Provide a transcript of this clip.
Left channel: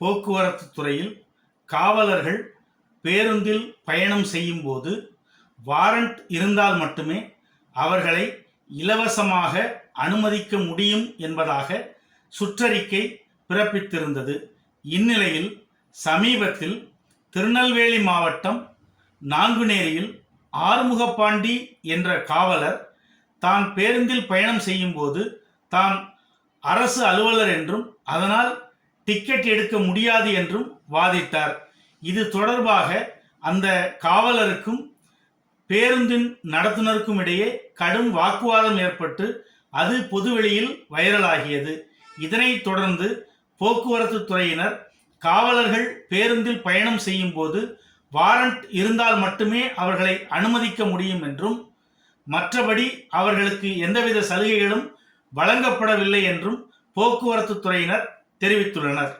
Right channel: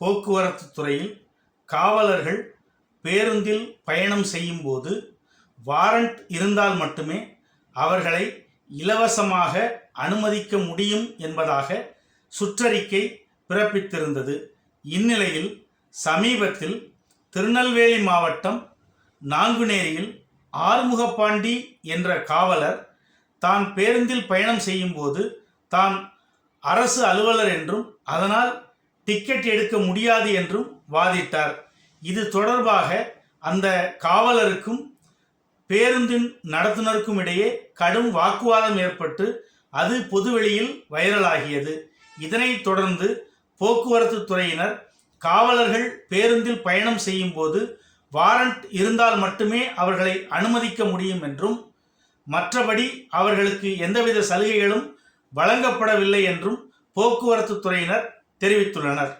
போக்குவரத்து துறையில் காவலர்கள் பேருந்தில் பயணம் செய்யும்போது வாரண்ட் இருந்தால் மட்டுமே அவர்களை இலவசமாக அனுமதிக்க முடியும் என்பதாக சுற்றறிக்கை பிறப்பித்திருந்தது. இந்நிலையில் சமீபத்தில் திருநெல்வேலி மாவட்டம் நாங்குநேரியில் ஆறுமுகப்பாண்டி என்ற காவலர் தான் பேருந்தில் பயணம் செய்யும்போது தான் அரசு அலுவலர் என்றும் அதனால் டிக்கெட் எடுக்க முடியாது என்றும் வாதிட்டார். இது தொடர்பாக அந்த காவலருக்கும் பேருந்தின் நடத்துனருக்கும் இடையே கடும் வாக்குவாதம் ஏற்பட்டு அது பொதுவெளியில் வைரலாகியது. இதனைத் தொடர்ந்து போக்குவரத்து துறையினர் காவலர்கள் பேருந்தில் பயணம் செய்யும் போது வாரண்ட் இருந்தால் மட்டுமே அவர்களை அனுமதிக்க முடியும் என்றும் மற்றபடி அவர்களுக்கு எந்தவித சலுகைகளும் வழங்கப்படவில்லை என்றும் போக்குவரத்து துறையினர் தெரிவித்துள்ளனர்.